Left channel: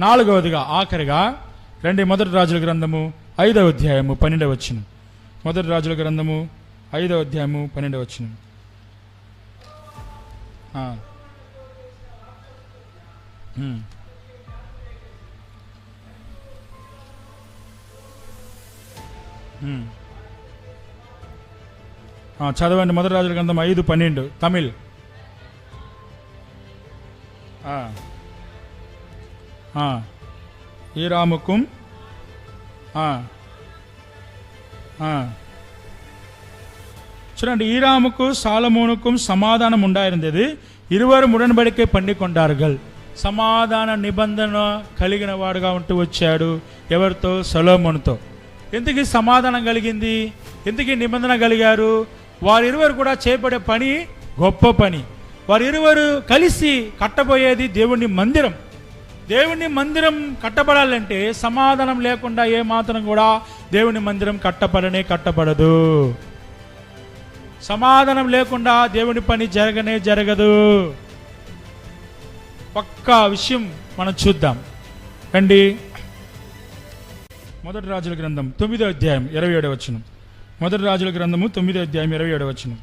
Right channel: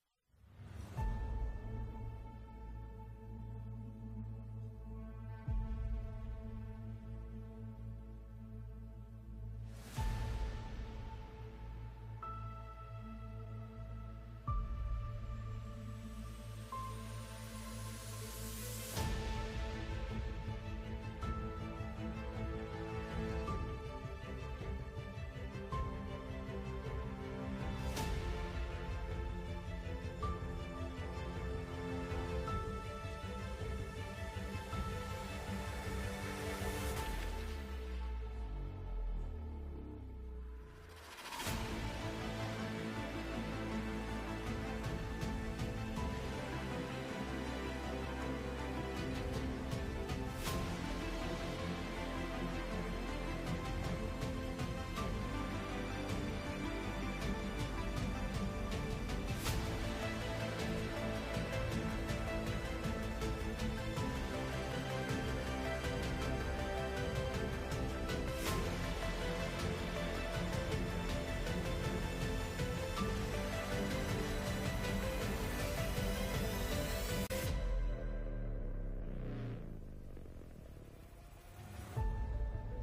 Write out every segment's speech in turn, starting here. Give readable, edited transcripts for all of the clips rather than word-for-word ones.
నాలుగవదిగా ఆఖరిగా రండి, మొదటి రాజుల గ్రంథము 5వ అధ్యాయము 12వ వచనం. మొదటి రాజుల గ్రంథము 5వ అధ్యాయము 12వ వచనం. చదవండి. మొదటి రాజుల గ్రంథం 5:12 తమిళ్. ஈராமுக்கும் చూడండి, ஈராமுக்கு சாலமோனுக்கும் சமாதானம் உண்டாயிருந்தது, இருவரும் உடன்படிக்கை பண்ணி கொண்டார்கள். సమాధాన నిబంధన కలిగిన వాడుగా ఉంటూ వచ్చాడు. ఎవరితో? సొలొమోనుతో. ఎందుకు సమాధానం కలిగింది? ఎందుకు నిబంధన కలిగారు? వారిరువురు కూడా చేపడే పని గొప్ప పని. వారిరువురు కలిసి కట్టబోయేది దేవుని మందిరం. దేవుని మందిరం కట్టబడాలంటే సమాధానం లేకుండా ఏ మాత్రం కూడా దేవుని మందిరం కట్టబడదు. సమాధానం లేకుండా దేవుని పని జరగదు. పక్కా విషయం మనం చూద్దాం రండి. మొదటి రాజుల గ్రంథం 9వ అధ్యాయం 27వ వచనం. మొదటి రాజుల గ్రంథము 9వ అధ్యాయం 27వ వచనం.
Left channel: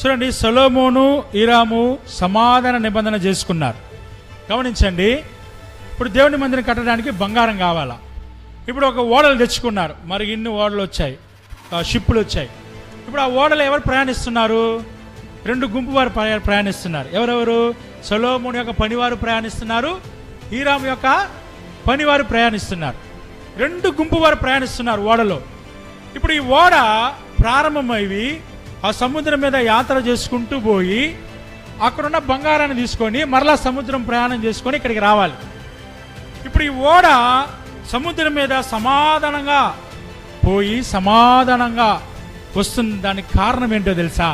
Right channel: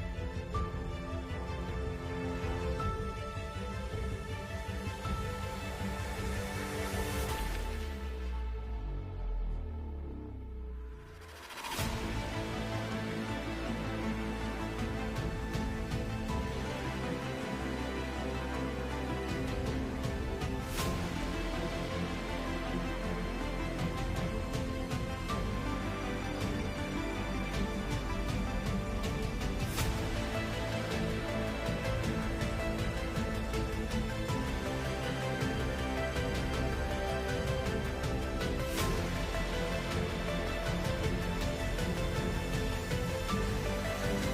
చూడండి, సొలొమోను హీరాము సమాధాన నిబంధన చేసుకున్నారు. గమనించండి, ఇప్పుడు దేవుని మందిరం కట్టడానికి బంగారం కావాలా. ఇప్పుడు ఒక ఓడలు తెచ్చుకున్నారు. మరి ఇన్ని ఓడలు వచ్చాయి, షిప్పులు వచ్చాయి. ఇప్పుడు ఆ ఓడలు ఎవరు ప్రయాణిస్తున్నారు? 2 గుంపు వారు ప్రయాణిస్తున్నారు. ఎవరెవరు? సొలొమోను యొక్క పనివారు ప్రయాణిస్తున్నారు, హీరాము యొక్క పనివారు ప్రయాణిస్తున్నారు. 2 గుంపు వారు ప్రయాణిస్తున్నారు ఓడలో. ఇప్పుడు ఈ ఓడ ప్రారంభమైవి ఆ సముద్రం మీద యాత్ర చేసుకుంటూ పోయి అక్కడున్న బంగారాన్ని తీసుకొని మరలా సముద్రం ప్రయాణం చేసుకొని ఇక్కడికి రావాలి. ఇప్పుడు ఈ ఓడ సముద్రం మీద సమాధానంగా పోయి సమాధానంగా వస్తుంది. దానికి కారణం ఏంటో తెలుసా?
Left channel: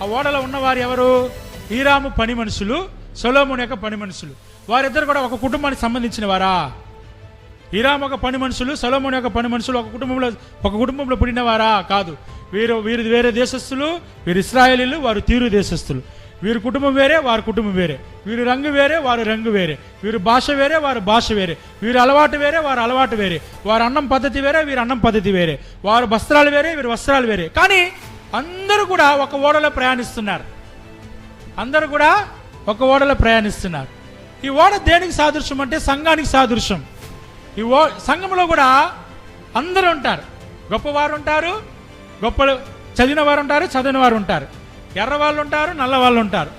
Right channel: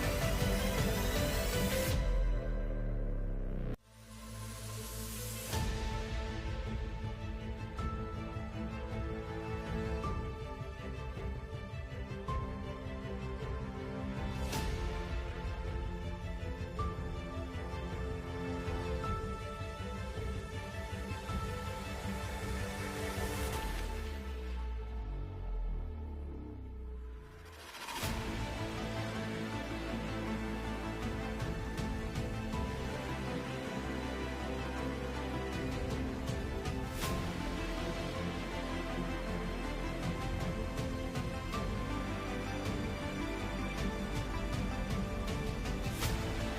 ఆ ఓడలో ఉన్నవారు ఎవరు? హీరాము పని మనుషులు, సొలొమోను యొక్క పని మనుషులు. వారిద్దరు కూడా ఒక కుటుంబానికి సంబంధించిన వారా? హీరాము ఒక పని మనుషులు, సొలొమోను యొక్క పని మనుషులు ఒక కుటుంబంలో పుట్టినవారా? కాదు. వీరు వేరే దేశస్థులు, వీరు ఇశ్రాయేలీలు, వారు తీరు దేశస్థులు. వీరి కుటుంబం వేరే, వారి కుటుంబం వేరే. వీరు రంగు వేరే, వారు రంగు వేరే. వీరు భాష వేరే, వారు భాష వేరే. వీరు అలవాటు వేరే, వారు అలవాటు వేరే. వారు అన్నం పద్ధతి వేరే, వీరు అన్నం పద్ధతి వేరే. వారు వస్త్రాలు వేరే, వీరు వస్త్రాలు వేరే. కానీ అందరూ కూడా ఒక ఓడలో ప్రయాణిస్తున్నారు. అందరూ కూడా ఒక ఓడలో ప్రయాణిస్తున్నారు. ఈ ఓడ దేనికి సాదృశ్యం అంటే సంఘానికి సాదృశ్యం. ఈ సంఘంలో కూడా అందరూ ఉంటారు. గొప్పవారు ఉంటారు, చదివిన వారు ఉంటారు, చదివిన వారు ఉంటారు. ఎర్ర వాళ్ళు ఉంటారు, నల్ల వాళ్ళు ఉంటారు.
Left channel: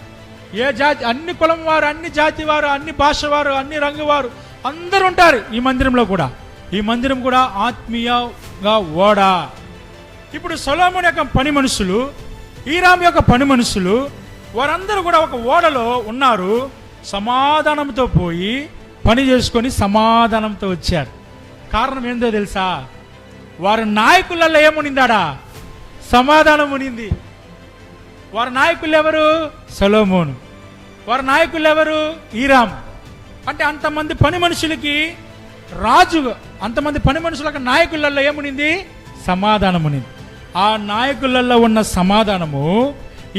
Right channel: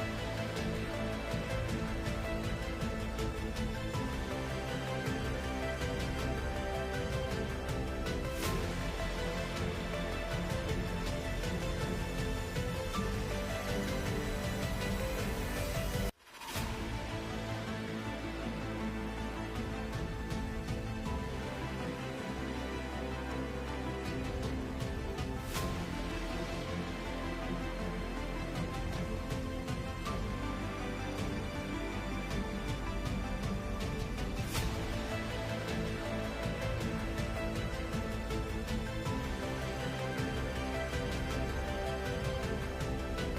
ఏ జాతి, అన్ని కులం వారు, అన్ని జాతి వారు, అన్ని భాష వారు, అన్ని రంగు వారు అందరూ ఉంటారు ఈ మందిరంలో కూడా. ఈ మందిరం కూడా ఆత్మీయంగా ఓడ. ఇప్పుడు సొలొమోను యొక్క పని మనుషులు, హీరాము యొక్క పని మనుషులు, వారందరూ కూడా ఒక ఓడలో ఉన్నారు. సమాధానంతో పోయి పని చేసుకొని సమాధానంతో వచ్చారు. కారణం ఏందో తెలుసా? వారి నాయకులలో ఏమునిందాడా? సమాధానం ఉనింది. వారి నాయకులు ఎవరు? సొలొమోను. వారి నాయకులు ఎవరు? హీరాము. అంటే అంతమంది పని మనుషులకి రాజు, అంతమంది పని మనుషులకు నాయకులలో ఏమునింది? సమాధానం ఉనింది. ఆ నాయకులలో ఉన్న సమాధానము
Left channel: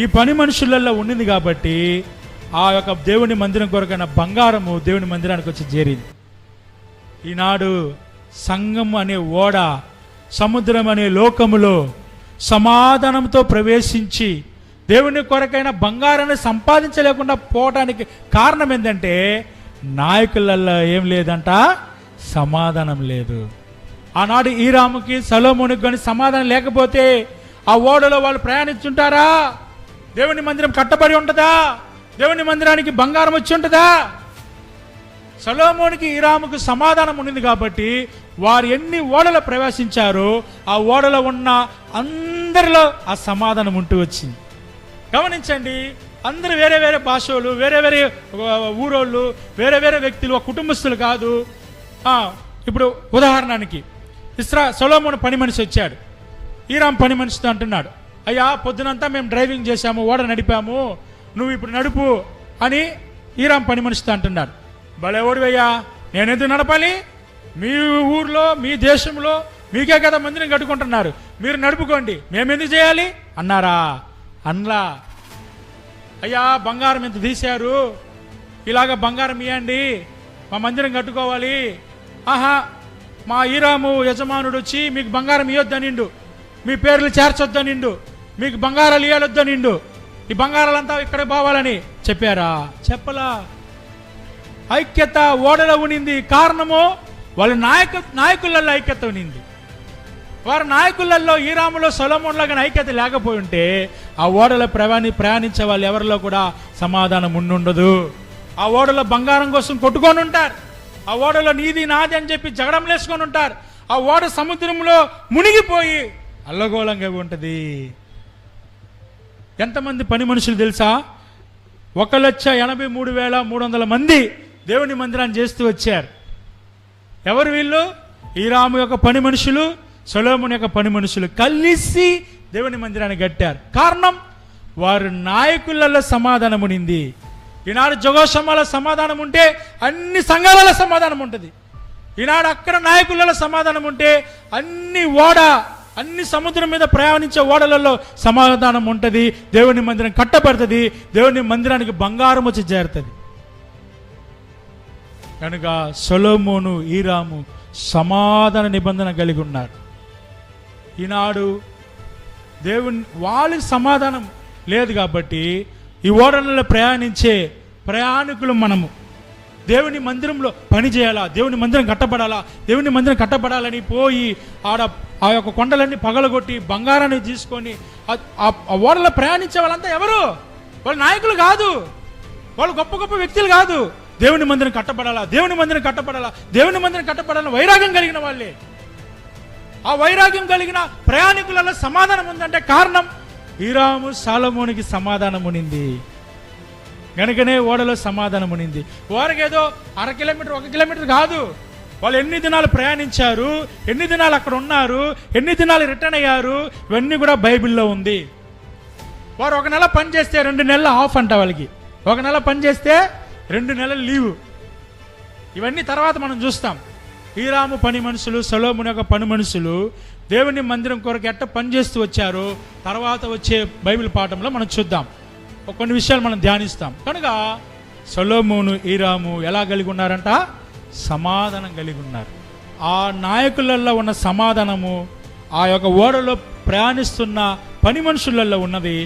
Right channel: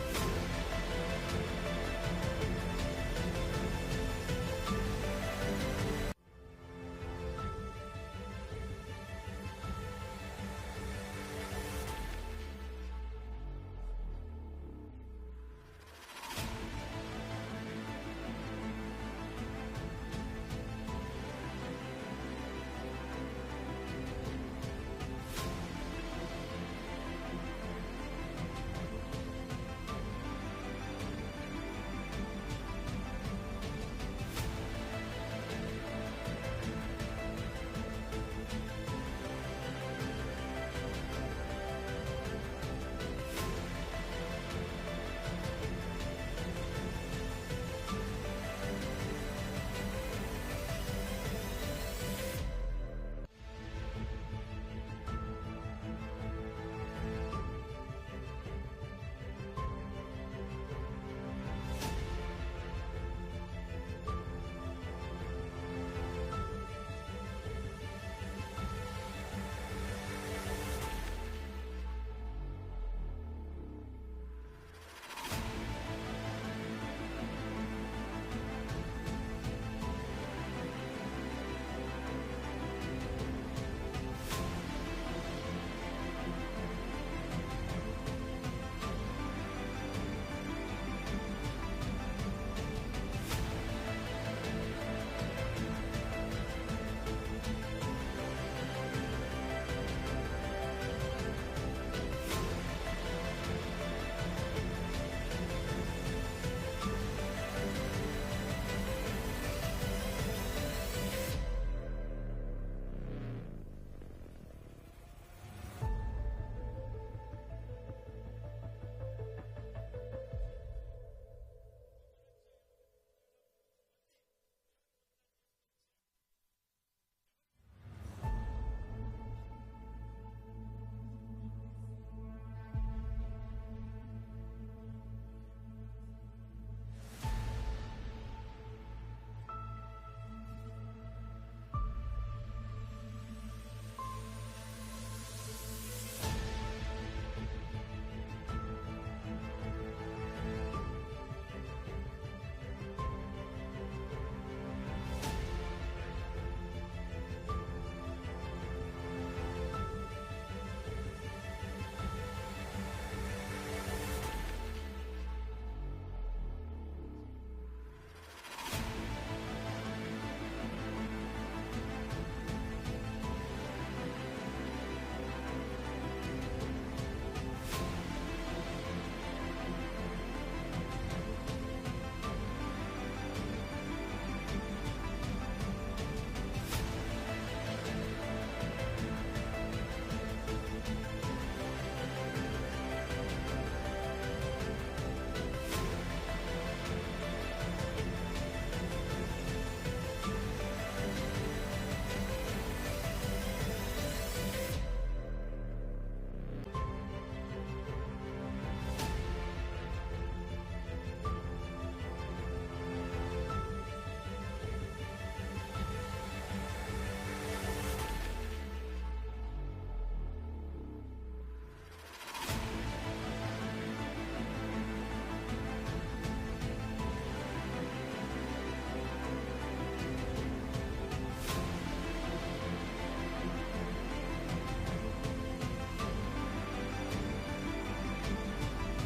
ఈ పని మనుషులలో ఉండింది కాబట్టి ఆ యొక్క దేవుని మందిరం కొరకైన బంగారము దేవుని మందిరానికి వచ్చి చేరింది. ఈనాడు సంఘం అనే ఓడ సముద్రం అనే లోకములో సమాధానంతో ప్రవేశించి దేవుని కొరకైన బంగారాన్ని సంపాదించలేకుండా పోవటానికి కారణం ఏంటంటే నాయకులలో ఏం లేదంట? సమాధానం లేదు. ఆనాడు హీరాముకి సొలొమోనుకి కానీ సమాధానం లేకపోతే ఆ ఓడలో వాళ్ళు ప్రయాణించుంటారా? దేవుని మందిరం కట్టబడి ఉంటుందా? దేవుని మందిరానికి బంగారం వచ్చి ఉంటుందా? సొలొమోనుకి హీరాముకు సమాధానం ఉండింది కాబట్టి వారు ఎన్ని ఓడలో ప్రవేశించారో ఆ ఓడలో ఉన్న అందరిలో ఆ సమాధానం ఉంటూ వచ్చింది. గమనించండి, అందరూ వేరే వేరే భాషలు, వేరే వేరే ఊరోళ్ళు, వేరే వేరే వ్యక్తులు, ఒక కుటుంబస్తులు కాదు. ఇప్పుడు ఉదాహరణకి సొలొమోను పని మనిషి వచ్చాడు, హీరాము పని మనిషితో అంటున్నాడు, అయ్యా పొద్దునంతా మేము డ్రైవింగ్ చేశాము, ఓడ నడిపాము, నువ్వు ఇప్పుడు నడుపు అని హీరాము పని మనిషితో అంటున్నాడు. భలే ఓడివయ్యా, నేనెందుకు నడపాలి? మీ ఊర్లో మీ దేశంలో మీకే కదా మందిని కట్టుకుంటున్నారు, మీరు నడుపుకోండి, మేమెందుకు చేయాలి అన్నారా? అన్లా. అయ్యా బంగారం ఎంత తీశారు, ఇలాగ బంగారం ఇవ్వండి, మా మందిరం కట్టుకోవాలి. ఆహా, మా హీరాము యజమానుడు వచ్చి మీకు బంగారం ఇవ్వద్దనిండు, మీ పేర్లు చేర్చొద్దనిండు, మీకు బంగారాలు ఇవ్వొద్దనిండు, ఈ బంగారాలంతా ఇక్కడ పోవాలని చెప్పారా? చెప్పలా. ఐక్యత ఓడలో ఉనింది. కారణము వాళ్ళ నాయకులలో ఐక్యత ఉనింది. వారి నాయకులలో హీరాములో సొలొమోనులో కానీ ఐక్యత లేకపోయి ఉంటే ఆ ఓడలో ప్రయాణించే వాళ్ళు ఎవరిలో కూడా సమాధానం ఉండుండదు. ఆ ఓడలో బంగారం కోసం కొట్టుకొని ఉంటారు, ఆ ఓడలో నీది నాది అని చెప్పి జగడం లేసుకొని ఉంటారు, ఆ ఓడ సముద్రంలో మునిగిపోయి అల్లగోళంగా ఉంటుంది. ఎంతమంది పని మనుషులు తెలుసా? 1,83,300 మంది దేవుని మందిరాన్ని చేస్తూ వచ్చారు. ఎవరు వీళ్ళు? హీరాము యొక్క పని మనుషులు, సొలొమోను యొక్క పని మనుషులు కలిసి దేవుని మందిరాన్ని కట్టారు. కారణం వారి నాయకులలో సమాధానం ఉనింది. ఈనాడు జగోషమాల సమాధానం ఉంటే అన్ని సంఘాలలో సమాధానం ఉంటుంది. ఈనాడు అక్కడ నాయకులలో సమాధానం ఉంటే అన్ని సముద్రం మీద ప్రయాణించే ఓడలలో సమాధానం ఉంటుంది. దేవుని మందిరం కట్టబడుతుంది, దేవుని మందిరానికి బంగారం వచ్చి చేరుతుంది. కనుక సొలొమోను హీరాము సమాధాన నిబంధన కలిగి ఉన్నారు. ఈనాడు వాళ్ళకి సమాధానం లేదు కాబట్టి ఈ ఓడలలో ప్రయాణించే ప్రయాణికులు మనము దేవుని మందిరంలో పని చేయాలా, దేవుని మందిరం కట్టబడాలా, దేవుని మందిరం కట్టబడాలని పోయి ఆ యొక్క కొండలన్నీ పగలగొట్టి బంగారాన్ని తీసుకొని ఆ ఓడలో ప్రయాణించే వాళ్ళంతా ఎవరు? వాళ్ళ నాయకులు కాదు, వాళ్ళు గొప్ప గొప్ప వ్యక్తులు కాదు. దేవుని మందిరం కట్టబడాలా, దేవుని మందిరం కట్టబడాలా, దేవుని మందిరం కట్టబడాలని వైరాగ్యం కలిగిన వాళ్ళే. ఆ వైరాగ్యం కలిగిన ప్రయాణికులలో సమాధానం ఉందంటే కారణం హీరాము సొలొమోనుకి సమాధానం ఉనింది కనుకనే ఓడలో సమాధానం ఉనింది. వారికి ఏదో 1/2 కిలోమీటర్ 1 కిలోమీటర్ కాదు, వాళ్ళు ఎన్ని దినాలు ప్రయాణించారు, ఎన్ని దినాలు అక్కడ ఉన్నారు, ఎన్ని దినాలు రిటర్న్ అయ్యారు, ఇవన్నీ కూడా బైబిల్లో ఉంది. వారు 1 నెల పని చేస్తే 2 నెలలు ఆఫ్ అంట వాళ్ళకి, 1 నెల పని చేస్తే 2 నెలలు లీవ్. ఇవన్నీ తర్వాత మనం చూస్తాం. హీరాము పని మనుషులు, సొలొమోను యొక్క పని మనుషులు దేవుని మందిరం కొరకు ఎట్ట పనిచేస్తూ వచ్చారు తర్వాత వచ్చే బైబిల్ పాఠంలో మనం చూద్దాం. కొన్ని విషయాలు మనం ధ్యానిస్తాం. కనుక సొలొమోను హీరాము ఎలా కలిగి ఉన్నారంట? సమాధానం కలిగి ఉన్నారు. ఆ నాయకులలో ఉన్న సమాధానము ఆ యొక్క ఓడలో ప్రయాణిస్తున్న పని మనుషులలో ఉన్నది.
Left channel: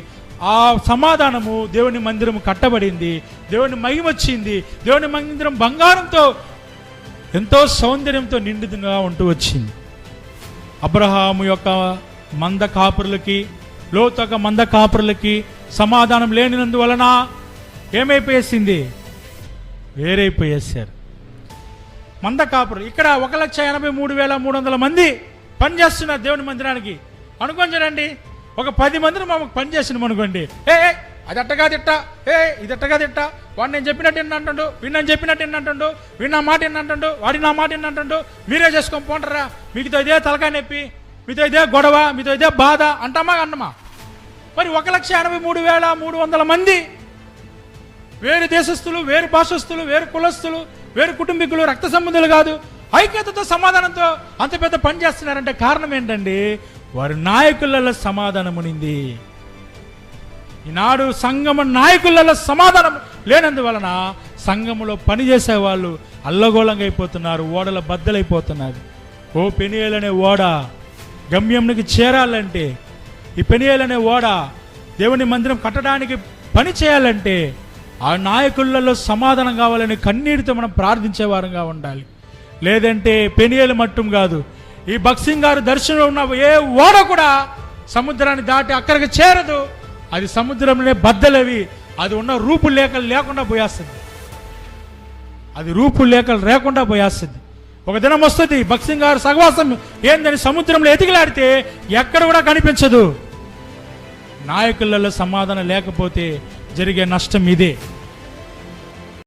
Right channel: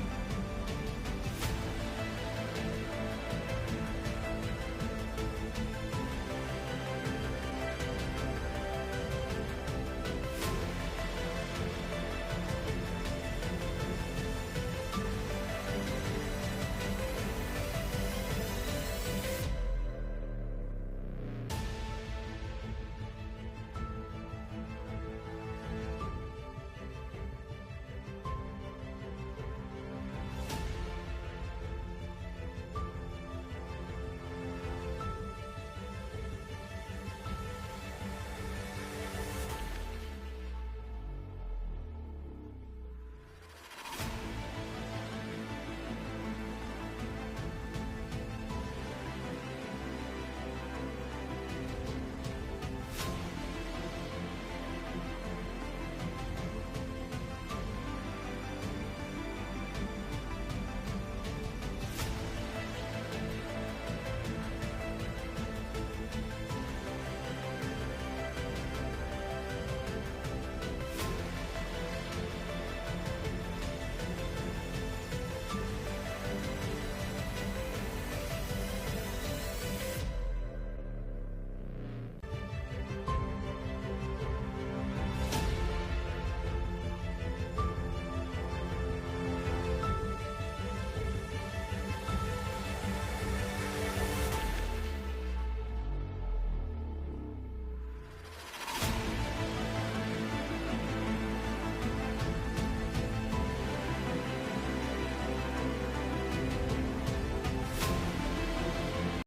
ఆ సమాధానము దేవుని మందిరం కట్టబడింది, దేవుని మహిమ వచ్చింది, దేవుని మందిరం బంగారంతో ఎంతో సౌందర్యంతో నిండుగా ఉంటూ వచ్చింది. అబ్రహాము యొక్క మంద కాపురులకి, లోతు యొక్క మంద కాపురులకి సమాధానం లేనినందువలన ఏమైపోయేసింది? వేరైపోయేసారు. మంద కాపురులు ఇక్కడ 1,83,300 మంది పనిచేస్తున్నారు దేవుని మందిరానికి. అనుకోని చూడండి, ఒక 10 మందిని మాకు పనిచేసినాం అనుకోండి, అది అట్టగా తిట్ట, ఇది అట్టగా తిట్ట, వాడు నేను చెప్పినట్టు ఎన్నంటుండు, వీడు నేను చెప్పినట్టు ఎన్నంటుండు, వీడు నా మాట ఎన్నంటుండు, వాడి నా మాట ఎన్నంటుండు, మీరే చేసుకొని పోంటారా, మీతో ఇదే తలకాయ నొప్పి, మీతో ఇదే గొడవ, మీతో ఇదే బాధ అంటామా అన్నమా? మరి 1,83,300 మంది వేరు దేశస్తులు, వేరు భాషస్తులు, వేరు కులస్తులు, వేరు కుటుంబీకులు, రక్త సంబంధులు కాదు, ఐక్యతతో సమాధానంతో అంత పెద్ద పని చేస్తున్నారంటే కారణం ఏంటండి? వారి నాయకులలో సమాధానం ఉనింది. ఈనాడు సంఘము నాయకులలో సమాధానం లేనందువలన సంఘములో పనిచేసే వాళ్ళు అల్లగోళంగా అయిపోతున్నారు, ఓడల బద్దలైపోతున్నారు. ఓ పెనియేలు అనే ఓడ గమ్యంకి చేరాలంటే, ఈ పెనియేలు అనే ఓడ దేవుని మందిరం కట్టడానికి పని చేయాలంటే ఆ నాయకులలో సమాధానం కావాలని కన్నీటితో మనం ప్రార్థించే వారంగా ఉండాలి. లేదంటే పెనియేలు మట్టం కాదు, ఈ భక్సింగ్ గారు దర్శనంలో ఉన్న ఏ ఓడ కూడా సముద్రాన్ని దాటి అక్కడికి చేరదు. అది సముద్రంలోనే బద్దలవి, అది ఉన్న రూపులేఖలు లేకుండా పోయేస్తుంది, అది రూపులేఖలు లేకుండా పోయేస్తుంది. ఒక దినం వస్తుంది భక్సింగ్ గారు సహవాసం ఏందని సముద్రంలో ఎతికిలాడితే ఎక్కడ కూడా కనిపించదు. నాయకులలో సమాధానం లేకపోతే జరిగే నష్టం ఇదే.